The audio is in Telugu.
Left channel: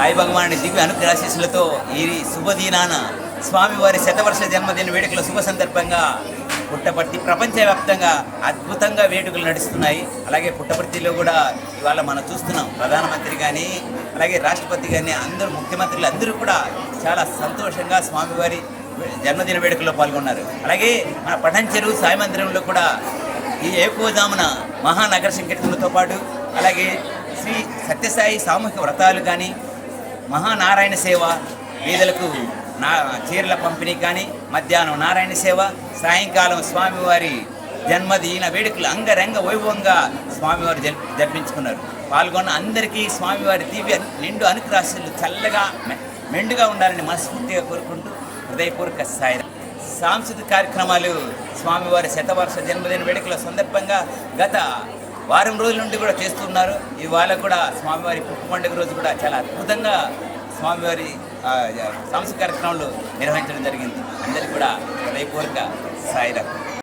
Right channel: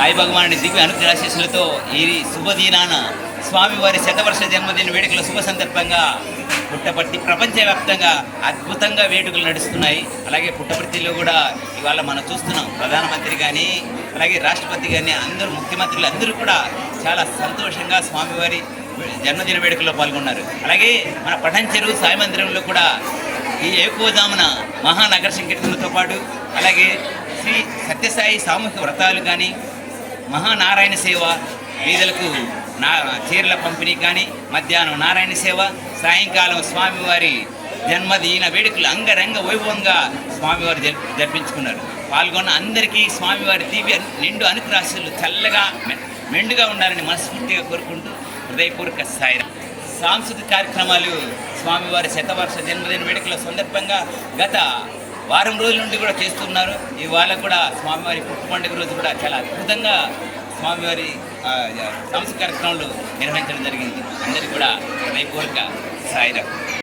సాయి భగవానుడి దివ్య అనుగ్రహాశీస్సులతో ఈ శుభదినాన స్వామివారి శతవర్ష జన్మదిన వేడుకల శుభ సందర్భంగా పుట్టపర్తి ప్రపంచవ్యాప్తంగా అద్భుతంగా వేడుకలు నడుస్తున్నాయి. అలాగే పుట్టపర్తిలో కూడా ఇవాళ మనం చూస్తున్నాం ప్రధానమంత్రి కానీ అలాగే రాష్ట్రపతి కానీ అందరూ ముఖ్యమంత్రులు అందరూ కూడా చాలా సంతోషంగా స్వామివారి జన్మదిన వేడుకల్లో పాల్గొన్నారు. అలాగే మన పఠంచెరువు సాయి మందిరంలో కూడా ఈ ఏకోజామున మహానగర సంకీర్తనలతో పాటు అలాగే శ్రీ సత్యసాయి సామూహిక వ్రతాలు కానీ మహానారాయణ సేవ వీధులకు చీరల పంపిణీ కానీ మధ్యాహ్నం నారాయణ సేవ సాయంకాలం స్వామివారి జన్మదిన వేడుకలు అంగరంగ వైభవంగా స్వామివారు జరిపించుకున్నారు. పాల్గొన్న అందరికీ స్వామివారి దివ్య నిండు అనుగ్రహాలు చల్లగా మెండుగా ఉండాలని మనస్ఫూర్తిగా కోరుకుంటూ హృదయపూర్వక సాయిరాం. సాంస్కృతిక కార్యక్రమాలు స్వామివారి శతవర్ష జన్మదిన వేడుకల సందర్భంగా గత వారం రోజుల నుండి కూడా చేస్తున్నారు. ఇవాళ కూడా స్వామివారి పుట్టు పండుగ రోజు కూడా చాలా అద్భుతంగా స్వామివారి సాంస్కృతిక కార్యక్రమాలు నిర్వహించడం జరిగింది. అందరికీ కూడా హృదయపూర్వక సాయిరాం.